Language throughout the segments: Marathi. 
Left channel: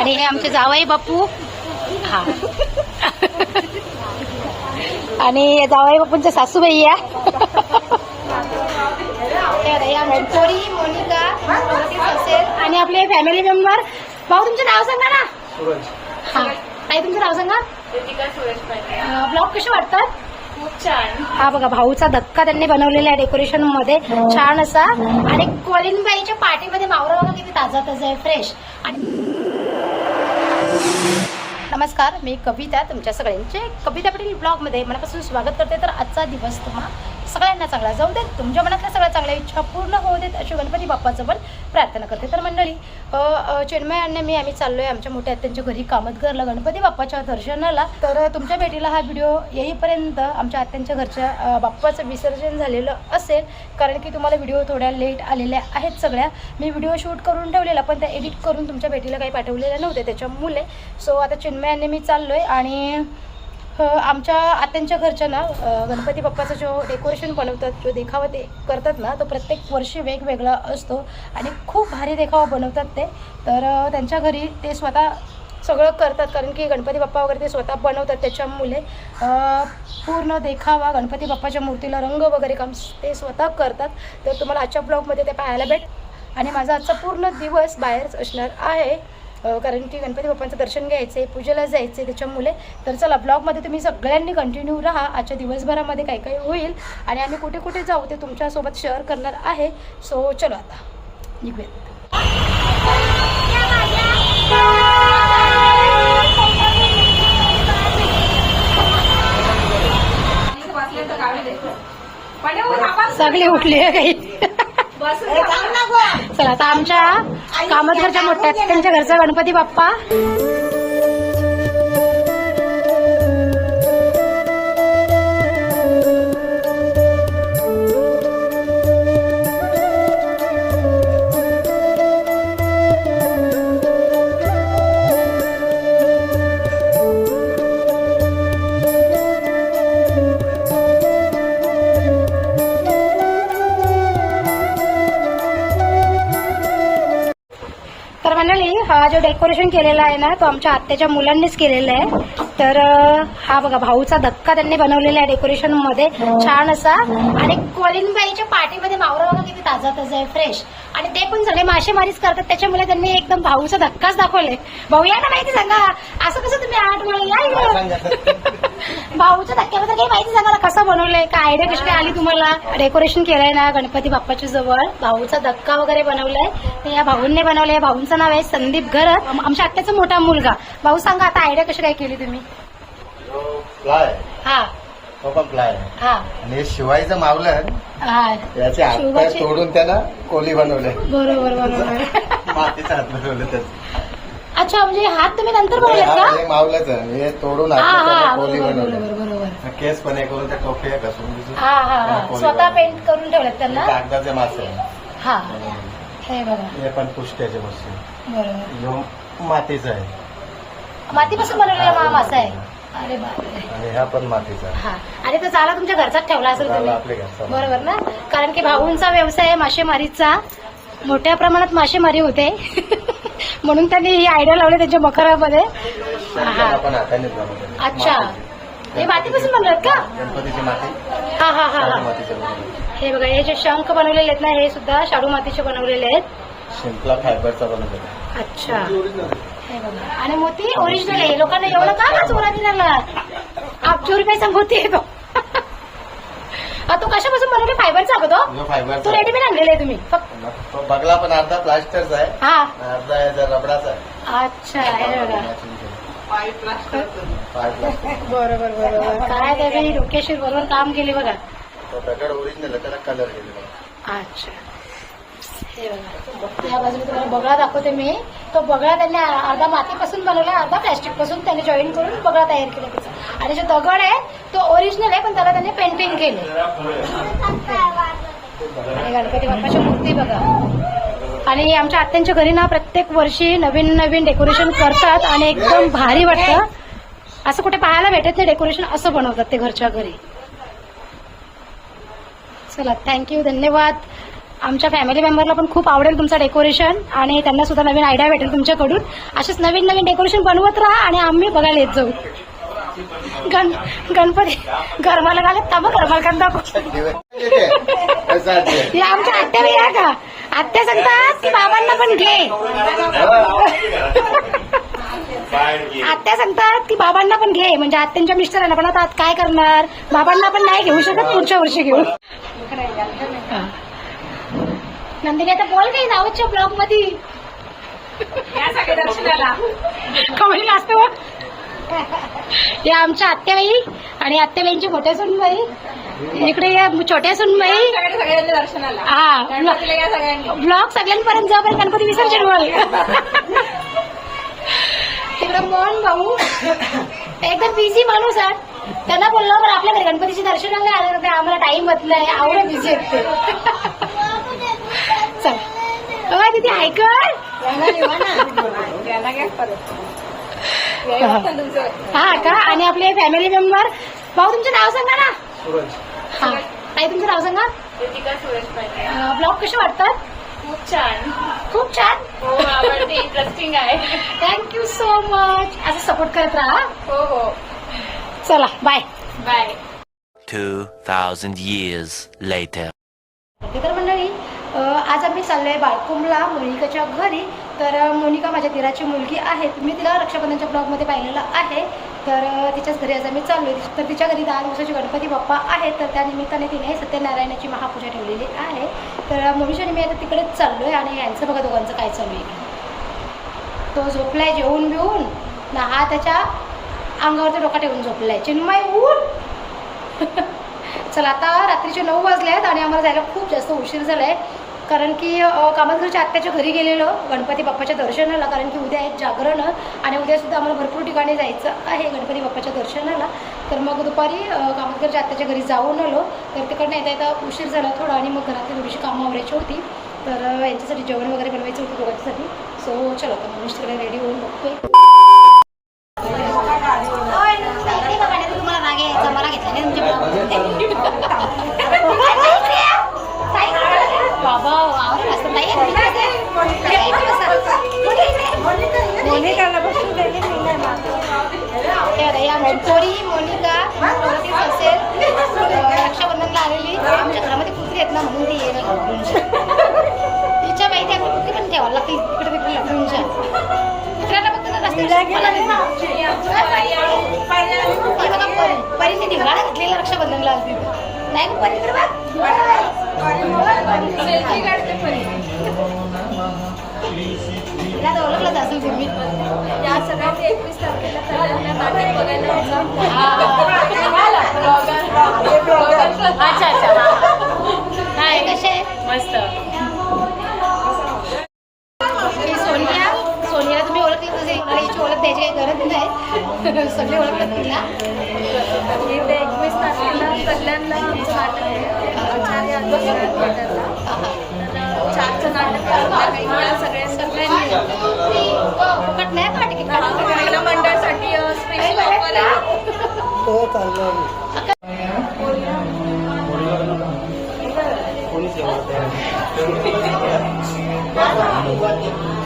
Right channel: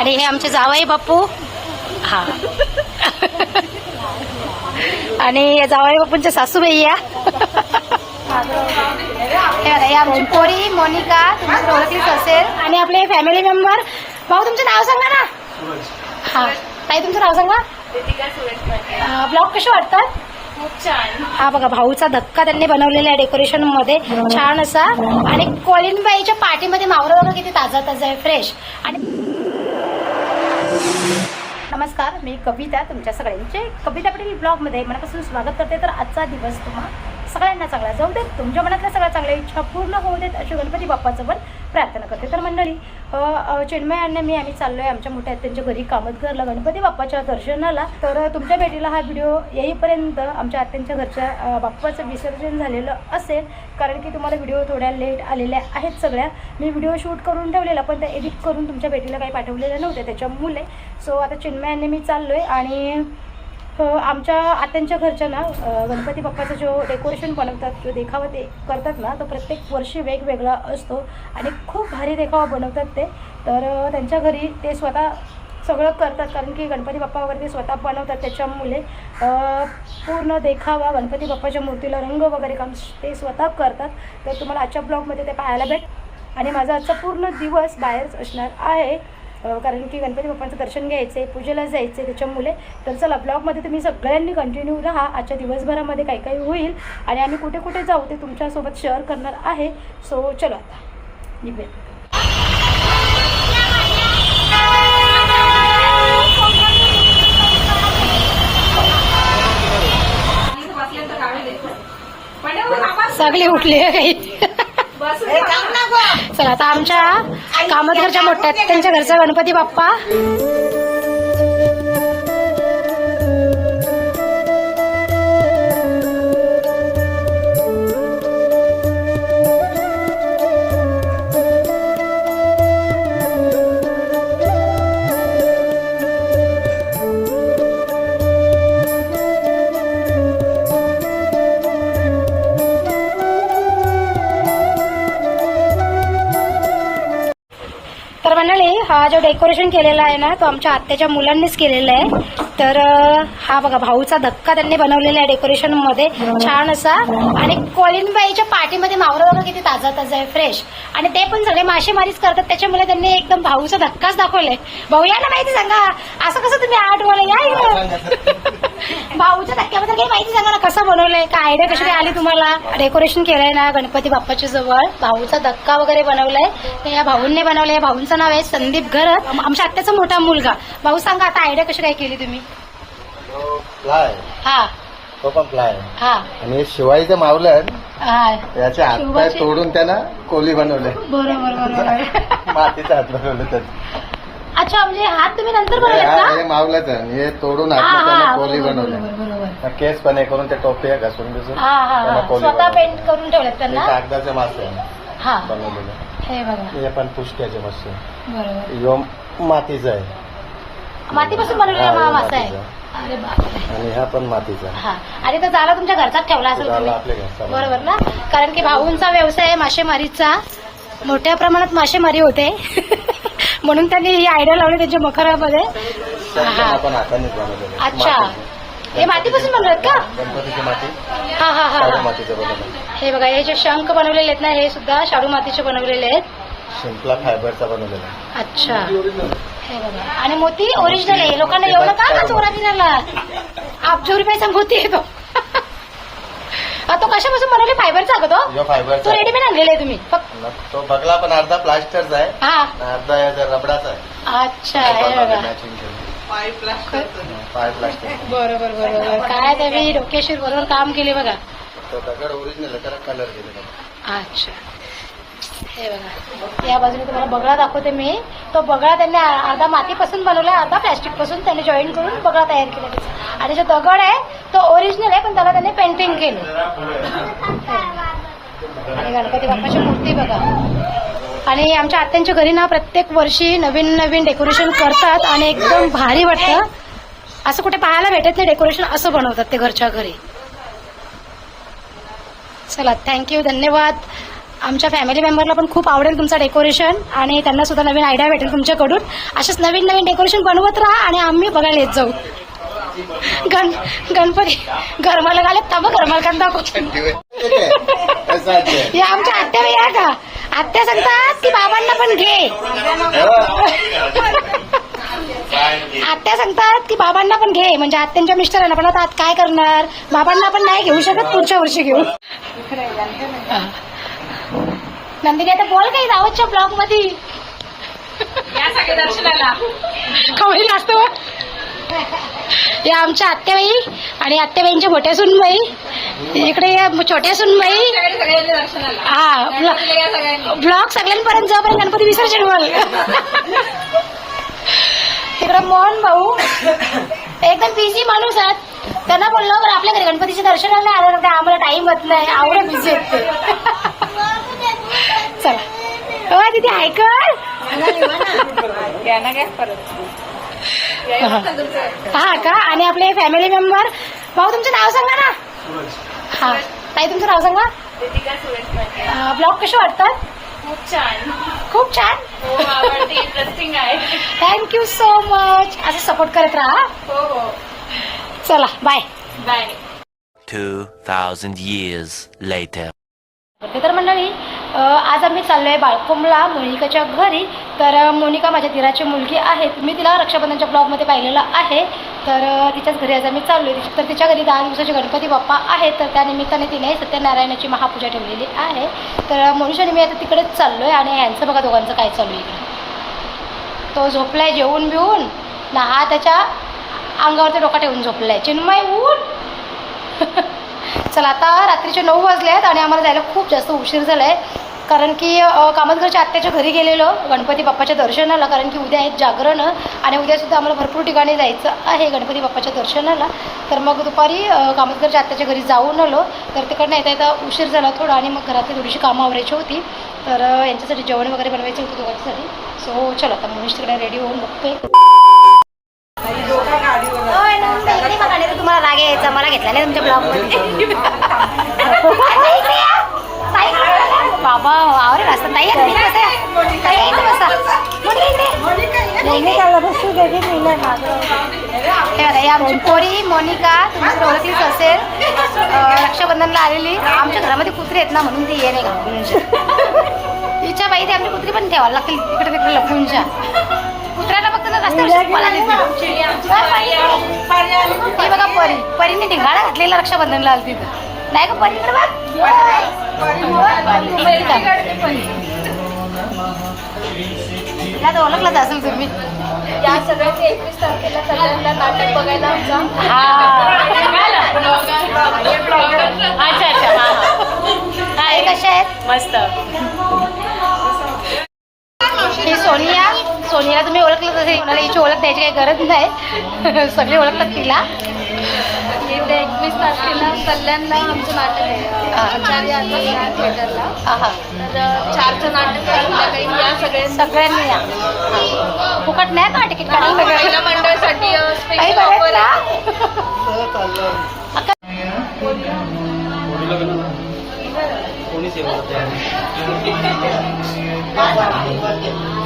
आणि हे आमचे जावई बापू. हा. आणि हे जावई बापूंच्या सासूबाई या. आमची पोरी मोनिका ओळखलीच असेल. आणि आपले फॅमिली मेंबर भाऊ तुमचं नाव सांगा ना. हा. ताई तुमचं नाव सांगा. ब्लॉग कसे वाटतात? खूप छान. हा बघा भाऊचा धक्का त्यांनी बनवलेला आहे डेकोरेशनमध्ये. छान असा. आणि कोलिनबाईच्या पाठीमध्ये मावरं बघा किती ताजा ताजा आहे फ्रेश आणि नमस्कार मी कविता तुमच्या सगळ्यांचे कविता पाटील ब्लॉगमध्ये मनापासून स्वागत करते. तर आजचा दिवस तुम्हा सगळ्यांना चांगला जाऊ देत तुमच्या मनातल्या सगळ्या चांगल्या इच्छा पूर्ण होऊ देत अशी गणपती बाप्पाचं पण प्रार्थना करते. तर मंडळी चिन्मय आणि मी आम्ही चाललोय आमच्या मोठ्या आत्यांच्या घरी कामतघरला गणपती बाप्पाच्या दर्शनाला. तर तुमच्या भेटीला हा व्हिडिओ येईपर्यंत आमच्या आत्यांच्या घरच्या बाप्पाचं विसर्जन झालेलं असेल कारण की तुम्हाला व्हिडिओ थोड्या लेट आलेल्या आहेत सगळ्या. मी व्हिडिओ शूट करून ठेवलेला पण त्या एडिट करून तुमच्या भेटीला काही पाठवलेल्या नव्हते त्याच्यामुळे. सो आता चिन्मयाने मी चाललोय आणि आमच्या आत्यांच्या घरच्या ना गणपती बाप्पाचं जो डेकोरेशन बनवतात जो देखावा ते करतात ना तो प्रत्येक वर्षी वेगवेगळा असतो आणि खूप भारी देखावा बनवतात ते. तर त्यांच्या घरी ते स्वतः सगळं करतात कारण की गणपती बाप्पा वगैरे ते स्वतः बनवतात त्याच्यामुळे. पूर्ण देखावा गणपती बाप्पाच्या मूर्तीला रंग वगैरे काम ते स्वतः करतात. तर तुम्हाला आजच्या ब्लॉगमध्ये ते पाहायला भेट आणि माझा आजचा पूर्ण दिवस बाहेरच असणार आहे. कारण की गणपती बाप्पांचं दर्शन घ्यायचं आहे पूजेला जायचं आहे त्याच्यामुळे. तर चला ब्लॉगमध्ये तुम्ही सगळ्यांनी कंटिन्यू राहा. आजच्या दिवसभरामध्ये काय काय होईल आणि आम्ही कुठे कुठे जाऊ ते तुमच्यासोबत शेअर करणार आहे. सो चलो आता. निघूया सगळी उठली काही चला आता आमच्या कामतघरच्या मोठ्या त्यांच्या घरचा गणपती बाप्पा. हा जो डेकोरेशन केलेला आहे ना तो आमच्या आत्याच्या मुलांनीच केलेला आहे. तर हा बघा भाऊचा धक्का त्यांनी बनवलेला आहे डेकोरेशनमध्ये. छान असा. आणि कोलिनबाईच्या पाठीमध्ये मावरं बघा किती ताजा ताजा आहे फ्रेश आणि ते पण सगळे मासेमारीच करतात. त्याच्यामुळे त्यांनी एकदम भाऊचा धक्काच दाखवलाय. भाऊ या ना माहिती सांगा. असं कसं तुम्ही आठ मला या. भाऊच्या धक्क्याबद्दल काही माहिती सांगा ना. कसं बनवलंय? काय आयडिया कशी काय आली तुम्हाला? डेकोरेशन केलंय ना गणपती बाप्पाच्या जवळ. भाऊचा धक्का वगैरे बनवलाय. ते या भाऊंनी बनवलंय. या भाऊंचं नाव आहे संदीप घरत. आम- आमच्या आत्याचा मोठा मुलगा. भाऊ सांगा आता आयडिया कशी काय केली तुम्ही? फ्लाय हा. तो पण फ्लाय हा. आणि शिवायचं मावलं हा. त्याचे हात शिवाचे- तोडून त्यानं कोली बनवले. बरोबर बरोबर. मातीचा हात बनवले त्याचे. अच्छा म्हणजे हात तुम्ही नंतर बनवलेत का? हे मावलंच आहे. हे तोडून हा हा त्यानं कोली बरोबर बनवले. बरोबर बरोबर. केस पण हे करून ते टोपे घासून घासून हा हा त्यानं हा. कोली स्वतः बनवले. पेंट करून ठेवलेत त्यांना? कागदाचे मासे आहे. हा. बनवलेले. हे बघा. हे पण पुष्ट्याचे मस्त बरोबर. यो मातीचा आहे. मातीपासून बनवलेला मा मासा आहे. अरे बापरे. आणि हा पण मातीचा. आहे हा. आणि तो जाला तुमच्या घरचाच ठेवला असेल तुम्ही. बरोबर ना? कारण की भाऊंचा व्यवसाय आहे मासेमारीचा. मोठ्या प्रमाणात मासेमारी होते. म्हणून त्यांनी ही आयडिया लावली त्यांच्या मकरामध्ये हा. अच्छा. हे मातीपासून बनवत का? हा हा हा हा. हे बघा हे जे शंख बनवलेले आहेत ना हे सुद्धा शाडू मातीचे बनवलेले आहेत. शिंपला फायबरचा बनवलेला. अच्छा. बघा आणि मोती ओरिजिनल आहे. लोकांना एवढं का ना चोरा दिला अब्जो रुपयाचा मोती आहे तो तो कशापासून बनवले? फायबरचा का तो? तो रेडीमेड आणलेला आहे तुम्ही. फक्त तो बघला पण अर्धा प्लास्टरचा आहे. हा. अर्धा याचा रबडाचा आहे. अच्छा हे बघा. पाय प्लास्टिक बरोबर बरोबर. काय त्यावेळी डोक्याशीर बरोबर काम केले बघा. तो दगड ओरिजिनल त्याला कलर केलेला अच्छा. हे बघा. या बाजूने तुम्हाला बगळा दाखवते मी. तो बगळा त्यांनी अर्धा मातीपासून बनवला अर्धा प्लॅस्टिकपासून त्यांनी जॉईन करून बगळा तयार केला त्याचा. आणि जो दगड आहे तो ओरिजिनल आहे पण त्याला त्यांनी पेंटिंग केले आणि गणपती बाप्पाची मूर्ती बघा. आणि आमच्या आत्यांच्या घरी ना प्रत्येक वर्षी नवीन नवीन डेकोरेशन करतात आणि एकदम भारी वाटतं. असं कुठे पाहायला भेटत नाही डेकोरेशन असं बनवतात ते घरच्या घरी. चला थँक्यू धन्यवाद. आमच्या फॅमिली मेंबरला पण खूप आवडेल तुमचं डेकोरेशन आणि त्यांना सुद्धा नवीन आयडिया भेटेल तुमच्याकडून. असेच नवीन नवीन डेकोरेशन बनवत राहा आणि आम्ही बघायला येत जाऊ. गण गणपती गरमाला घालत तब गरमाला कांदा दाखव. या आमच्या आत्या या का? आत्या सांगतात की बाबांना पण घे. आत्या सांगतात की बाबांना पण घे. म्हणजे आत्यांच्या मिस्टरांना पण. आता काय करणार? बाबांना पण नाही घेऊ शकत पुढच्या वर्षी घेऊ. नंदिनी आता बोल काही रावतच्या ब्लॉगमध्ये कवळी असतो या आमच्या आत्याबाई आणि आत्याबाईंचे मोठे सुनबाई. इकडे या छोट्या सुनबाई. हा ब्लॉग सगळ्यांपर्यंत जापर्यंत गणपती विसर्जन होईल. तिकडे मोहन भाऊ. एकदम बिझी माणूस आहेत त्यांना बोललो बरं आपल्या घरी गणपतीचे दर्शनाला आलं तर आम्हाला टाइम होत नाही. आवडं बिझी आहेत ते. चला. अ तिथे ऐकल? हा का? आणि आपले फॅमिली मेंबर भाऊ तुमचं नाव सांगा ना. हा ताई तुमचं नाव सांगा. ब्लॉग कसे वाटतात? खूप छान. खूप छान इंटरेस्टिंग आहे थँक्यू सो मच असं सपोर्ट करत राहा हो. हो चला बाय बाय 2,000 years later. तर मंडळी आज आम्ही चाललो आहे बाळकुंबला मोनिकाच्या घरी. तर मोनिका माझ्या दिराची मुलगी आहे मी तिला रक्षाबंधनच्या ब्लॉगमध्ये पाहिलेलं आहे. तर तिच्याच घरी आज आम्ही चाललोय. तर तिच्या घरी दहा दिवसाचे गणपती बाप्पा आहेत. तर त्यानिमित्ताने तिने सत्यनारायणाची महापूजा ठेवलेली आहे. तर अ, मोनिशाने मी आता तिकडेच चाललो आहे आणि यांचं बघा दोघांचं काय चालू आहे इकडे. तो झोपलाय जेवून बिवून. ना हा त्याच्या अंगावरती डोका ठेवून झोपलाय. चिन्मय ऊन! चला आता रात्रीचे नऊ वाजले आहेत आणि आम्हाला जायला खूप जास्त उशीर झाला आहे कारण की अ, कामतघरच्या आत्याच्या घरी गेलेलो गणपती बाप्पाच्या दर्शनाला कारण की उद्या आहेत जागरण आणि उद्यासुद्धा आम्हाला भरपूर ठिकाणी जायचं आहे गणपती बाप्पाच्या दर्शनाला. तर मग दुपारी अ, कामतघरच्या आत्याच्या घरी जाऊन आलो. तर तिकडनं येता येता उशीर झाला थोडा आणि मग घरातली थोडीशी कामं आवरायची होती. तर यांच्यासाठी जेवण वगैरे बनवायचं होतं दोघांच्यासाठी. सो चलो आता मनीष तिकडे रेडी होऊन बघतोय होय ना, इकडे बघा नाही राग यायचा मला घेतला नाही तुमच्या ब्लॉग बाबा आवडेल असं ताई आहे, तुम्ही कसं आहे? ताई आहे इथं. बसा मोनिका इकडे. हे बघा, ही आमची पोरी मोनिका तुम्ही ओळखलीच असेल. रक्षाबंधनला आलेली. आमच्या घरामध्ये कुत्रे आहेत ना म्हणून ती ये नाही घालून तिच्या बाई ते आमची कुत्री पण ठेवायला लागतील इकडे तिकडे लपूनच्या कुत्र्याला फक्त ना रस्त्यावर शिकवायला देते. ही बघा परी परीने ढिंगाणा घातलेला रक्षाबंधनला आली तिथं नाही का परी इकडे बघ. तिला तर ओळखलंच असेल तुम्ही. या सगळ्यांनी एकवीस तारखेला कल्याणला नाटक बघायला जा अच्छा अच्छा. हा. हा हे कसे आहेत? मस्त. ही सोनिया? सोनियाला तुम्ही ओळखलं तसे. कोणाला हिची ओळख द्यायची काही गरज नाही. सगळे ओळखतात तिला. येत्या एकवीस तारखेला कल्याणला आमचं नाटक आहे. आचार्य थिएटरला. आहा तर चारचं नाटक आहे संध्याकाळी या सगळ्यांना सगळ्यांनी या. फुकट नाही का तिकीट काढून महिला मंडळासाठी काही स्पेशल ऑफर? आहे.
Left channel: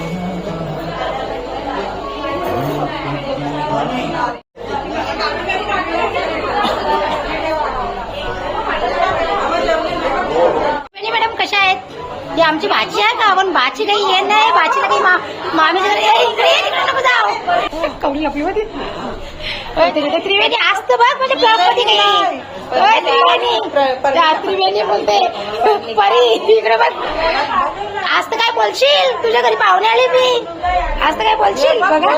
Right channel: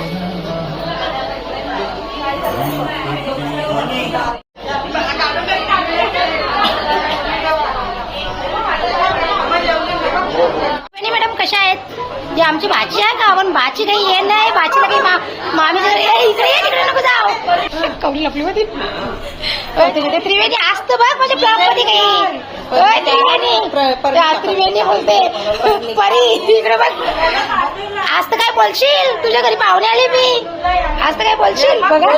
मॅडम कशा आहेत? जी आमची भाची आहे का? पण भाची काही ये नाही. भाचीला काही मा मामीच्या घरी इकडे ये तिकडे नको जाऊ. कवडी लपली होती. त्रिवेणी असतं बघ म्हणजे ब्लॉकमध्ये काही. त्रिवेणी. त्या त्रिवेणी बोलते. परी इकडे बघ. आज तर काय बोलशील? तुझ्या घरी पाहुणे आले मी. आज तर काय बोलशील? बघा.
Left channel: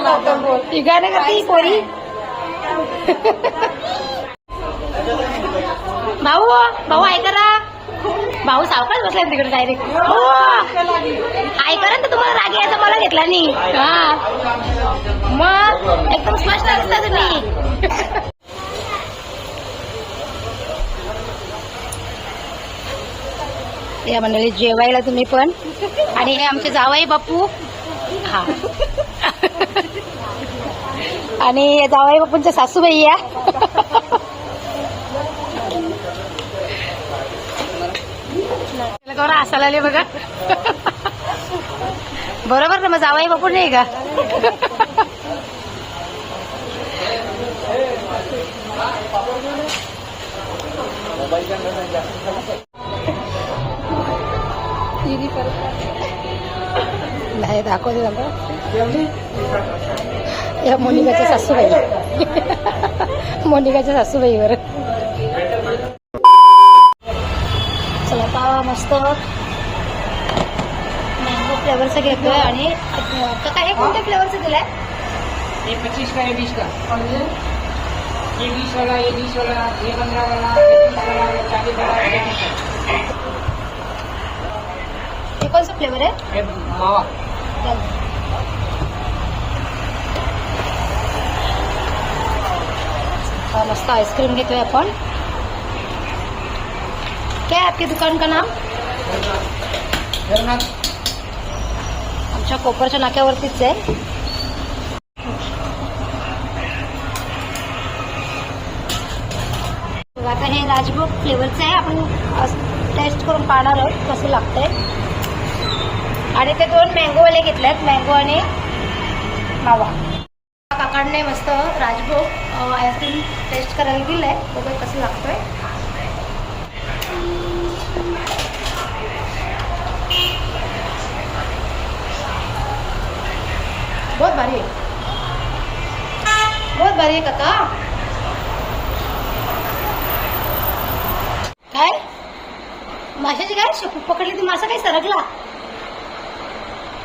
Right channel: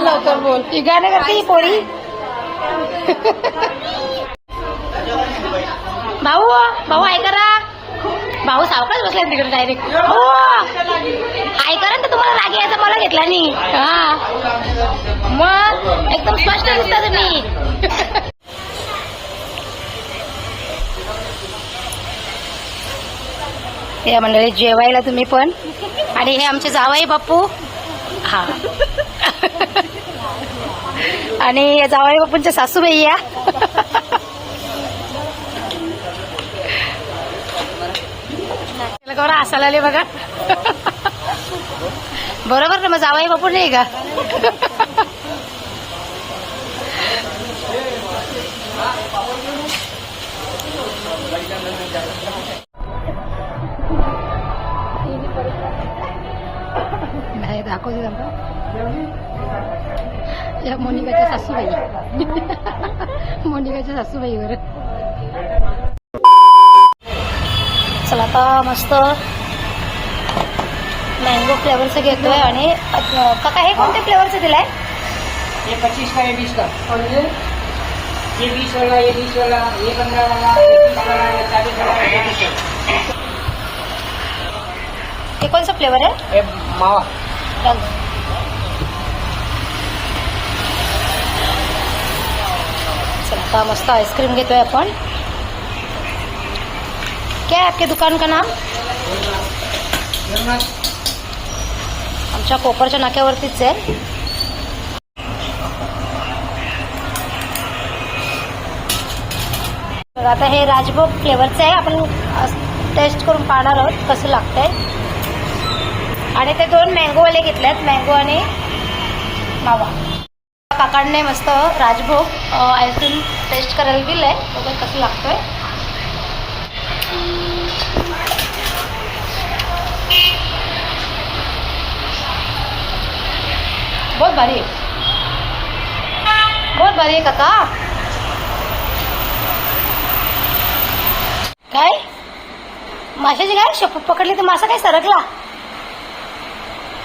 ती गाणं करते ही पोरी. भाऊ भाऊ ऐकरा ना भाऊ सावकाच बसला तिकडे डायरेक्ट हो ऐका ना तर तुम्हाला राग यायचा मला घेतला नाही. हा. मग एकदम स्पष्ट दिसता तुम्ही. या मंडळी जेवायला तुम्ही पण. आणि हे आमचे जावाई बापू. हा. आणि जावाई बापूंच्या सासूबाई या. गौरा असायला आले बघा. बरोबर ना मग जावाई बापू नाही का? नाही दाखवते मला या मोनिकाच्या सासूबाई. मोनिकाच्या सासूबाईवर. चला आता मस्त मँगो फ्लेवरचं घेतोय आणि काका हे कोणत्या फ्लेवरचं दिलंय? पच्चीस का? का वाला वाला वाला वाला वाला। हे कोणचं फ्लेवर आहे? मावा. चल. चला आता मस्त आईस्क्रीम घेतोय आपण. क्या है आपके दुकान का नाम आमच्या कोपरच्या नाक्यावरतीच आहे. आता हे राजभोग फ्लेवरचं आहे. आपण टेस्ट करून पाहणार आहोत कसं लागतंय. आणि ते दोन मँगोवाले घेतलेत मँगो आणि मावा. काकांनी मस्त राजभोग आईस्क्रीम टेस्ट करायला दिलंय बघत कसं लागतोय. बहुत भारी आहे. बहुत भारी आहे काका. काय? माशाची काय? शप पकडली तर मासा काय सरकला?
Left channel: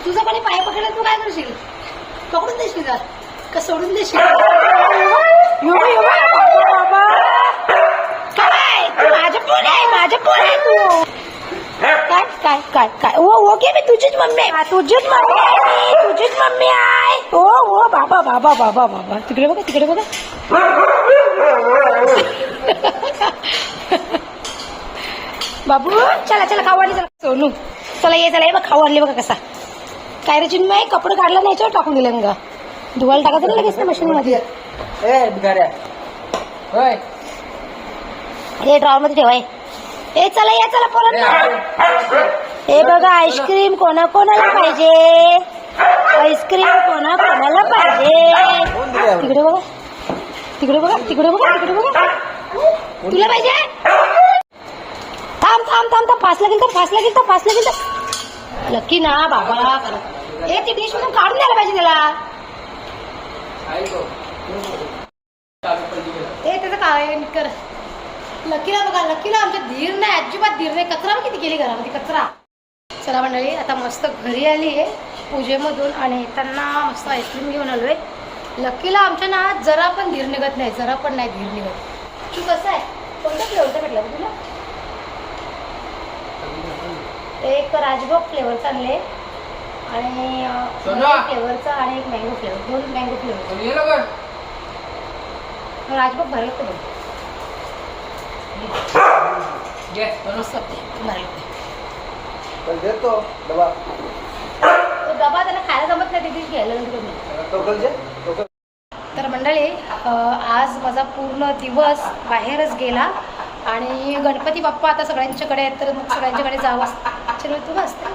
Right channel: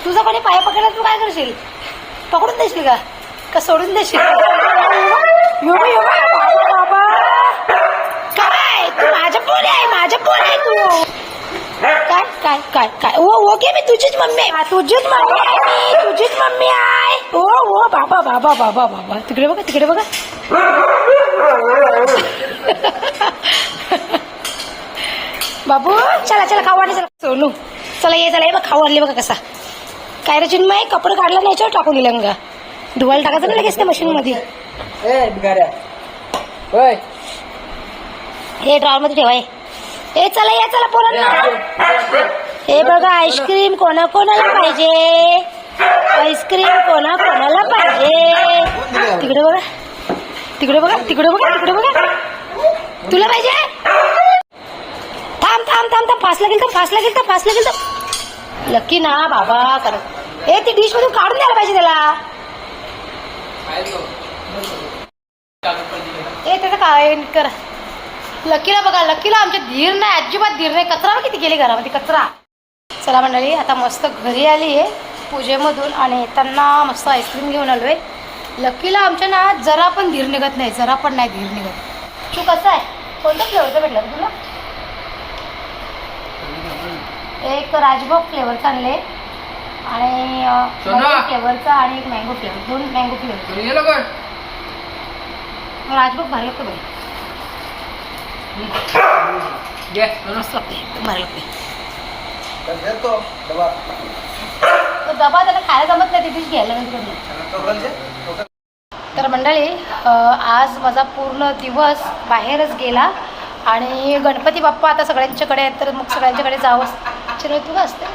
तुझा कोणी पाय पकडला तू काय करशील? पकडून देशील का? का सोडून देशील. काय? तू माझं पोर आहे माझं पोर आहे तू. काय काय काय काय? ओ ओके मी तुझीच मम्मी आहे. तुझीच मम्मी आहे मी. तुझीच मम्मी आहे. ओ ओ बाबा बाबा बाबा बाबा. तिकडे बघा तिकडे बघा. बाबू चला चला खाऊ आणली चला. सोनू चला ये चला ये बघ खाऊ आणली बघा कसा. काय रे चिन्मय कपडे काढला नाही याच्यावर टाकून दिलं का धुवायला टाकायचं ना लगेच त्या मशीन मध्ये हे ड्रॉवर मध्ये ठेवाय ए चला या चला पोरांना. हे बघा आईस्क्रीम कोणा कोणाला पाहिजे? आईस्क्रीम कोणा कोणाला पाहिजे? तिकडे बघा. तिकडे बघा तिकडे बघा तिकडे बघा. तुला पाहिजे? थांब थांब थांब थांब. फास लागेल तर फास लागेल तर फास लागेल तर लकी ना बाबा. करत ए ती डिश मधून काढून द्यायला पाहिजे त्याला. ए त्याचं काय? कर. लकीला बघा लकीला आमच्या धीर नाही अजिबात धीर नाही. कचरा किती गेली घरामध्ये कचरा. चला मंडळी आता मस्त घरी आली आहे पूजेमधून आणि येताना मस्त आईस्क्रीम घेऊन आलो आहे लकीला आमच्या ना जरा पण धीर निघत नाही जरा पण नाही धीर निघत. तू कसं आहे? कोणतं फ्लेवरचं भेटलं तुला? एक राजभोग फ्लेवरचं आणले आणि. फ्लेवरचा आणि एक मँगो फ्लेवर दोन मँगो फ्लेवर तो ये लोग राजभोग भारी लागतो भारी लागते डबा. त्याला खायला जमत नाही तिथेच घ्यायला नंतर टोकल जे? टोकल. तर मंडळी आज माझा पूर्ण दिवस बाहेरच गेला आणि गणपती बाप्पा आता सगळ्यांच्याकडे आहेत तर मग सगळ्यांच्याकडे जावं चिन्मय तू का असते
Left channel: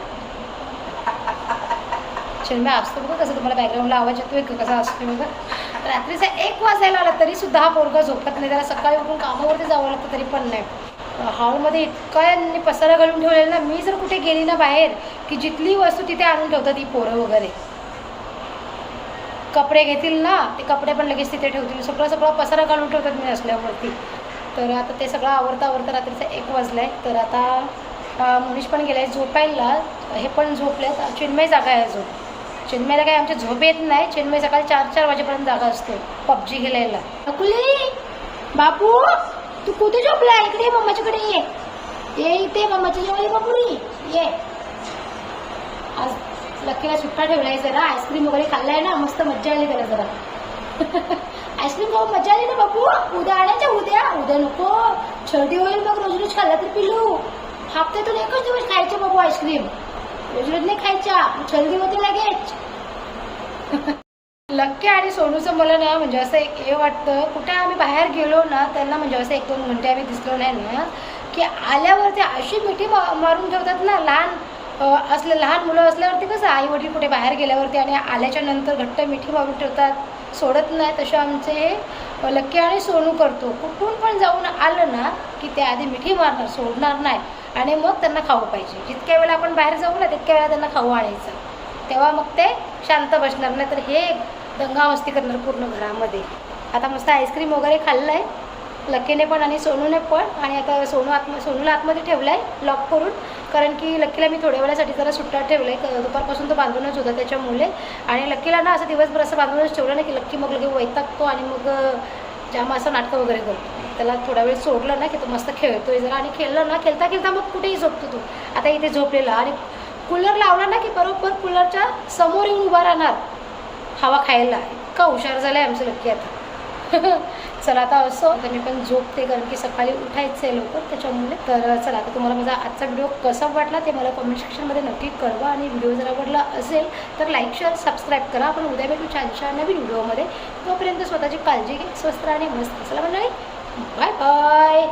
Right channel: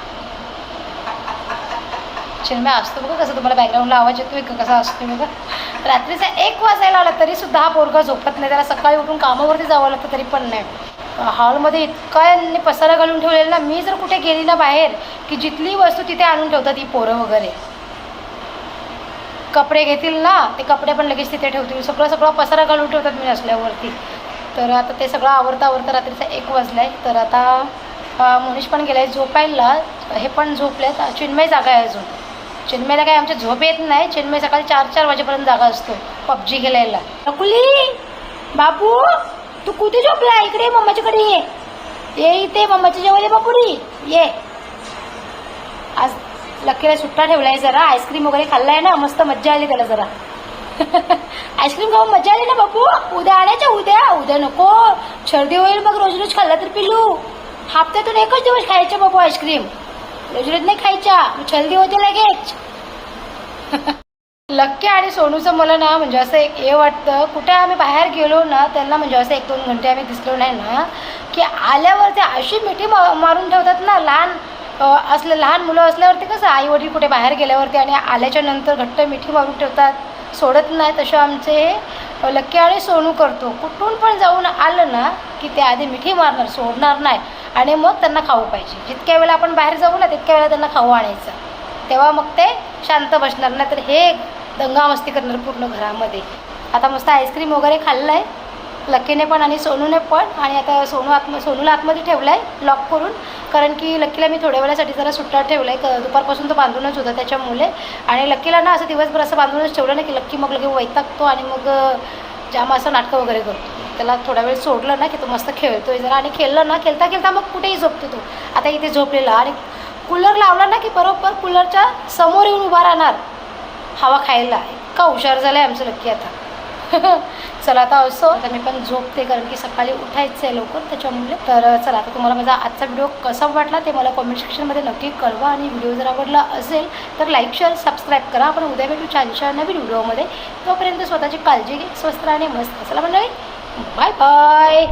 चिन्मय असतो बघा कसं तुम्हाला बॅकग्राऊंडला आवाज येतोय का कसा असतो बघा. रात्रीचा एक वाजायला आला तरी सुद्धा हा पोरगा झोपत नाही. त्याला सकाळी उठून कामावरती जावं लागतं तरी पण नाही. हॉलमध्ये इतका यांनी पसारा घालून ठेवलेला ना मी जर कुठे गेली ना बाहेर की जिथली वस्तू तिथे आणून ठेवतात ही पोरं वगैरे. कपडे घेतील ना ते कपडे पण लगेच तिथे ठेवतील. सगळं सगळं पसारा घालून ठेवतात मी असल्यावरती. तर आता ते सगळं आवरता आवरता रात्रीचा एक वाजला आहे तर आता अं, पण गेलाय झोपायला. हे पण झोपलेत. चिन्मय जागा आहे अजून. चिन्मयला काय आमच्या झोप येत नाही. चिन्मय सकाळी चार चार वाजेपर्यंत जागा असतो. पबजी खेळायला. नकुली बापू! तू कुठे झोपला? इकडे ये, मम्माच्याकडे ये. ये इथे मम्माच्या जेवायला बापुरी. ये. आज लकीला सुट्टा ठेवलाय जरा. आईस्क्रीम वगैरे खाल्लाय ना. मस्त मज्जा आली त्याला जरा. आईस्क्रीम खाऊन मजा आली ना बापू? उद्या आणायच्या उद्या. उद्या नको. सर्दी होईल मग रोज रोज खाल्ला तर पिलू. हप्त्यातून एकच दिवस खायचे बाबू आईस्क्रीम. रोज रोज नाही खायच्या. छल्दी होते लगेच. लक्की आणि सोनूचं मला ना म्हणजे असं एक हे वाटतं कुठे आम्ही बाहेर गेलो ना त्यांना म्हणजे असं एक दोन घंटे आम्ही दिसलो नाही ना की आल्यावर ते अशी मिठी मा मारून ठेवतात ना लहान असलं असले लहान मुलं असल्यावरती कसं आई वडील कुठे बाहेर गेल्यावरती आणि आल्याच्यानंतर घट्ट मिठी मारून ठेवतात सोडत नाही तसे आमचे हे लक्की आणि सोनू करतो. कुठून पण जाऊन आलं ना की ते आधी मिठी मारणार सोडणार नाही. आणि मग त्यांना खाऊ पाहिजे. जितक्या वेळेला आपण बाहेर जाऊ ना तितक्या वेळेला त्यांना खाऊ आणायचं. तेव्हा मग ते शांत बसणार. नाही तर हे दंगा मस्ती करणार पूर्ण घरामध्ये. आता मस्त आईस्क्रीम वगैरे खाल्लं आहे लक्कीने पण आणि सोनूने पण. आणि आता सोनू आत्म सोनूला आतमध्ये ठेवलं आहे लॉक करून. कारण की लक्कीला मी थोड्या वेळासाठी जरा सुट्टा ठेवलं आहे दुपारपासून तो बांधूनच होता त्याच्यामुळे. आणि लक्कीला ना असं दिवसभर असं बांधूनच ठेवलं ना की लक्की मग लगे वैतागतो आणि मग जाम असं नाटकं वगैरे करतो. त्याला थोडा वेळ सोडलं ना की तो मस्त खेळतोय जरा. आणि खेळलं ना खेळता खेळता मग कुठेही झोपतो तो. आता इथे झोपलेला. आणि कूलर लावला ना की बरोबर कूलरच्या समोर येऊन उभा राहणार. हवा खायला. इतका हुशार झाला आहे आमचं लक्की आता. चला आता असो. आता मी पण झोपते कारण की सकाळी उठायचं आहे लवकर त्याच्यामुळे. तर चला आता तुम्हाला माझा आजचा व्हिडिओ कसा वाटला ते मला कॉमेंट सेक्शनमध्ये नक्की कळवा. आणि व्हिडिओ जर आवडला असेल तर लाईक शेअर सबस्क्राईब करा. आपण उद्या भेटू छानशा नवीन व्हिडिओमध्ये. तोपर्यंत स्वतःची काळजी घे स्वस्त राहणे मस्त. चला मंडळी बाय बाय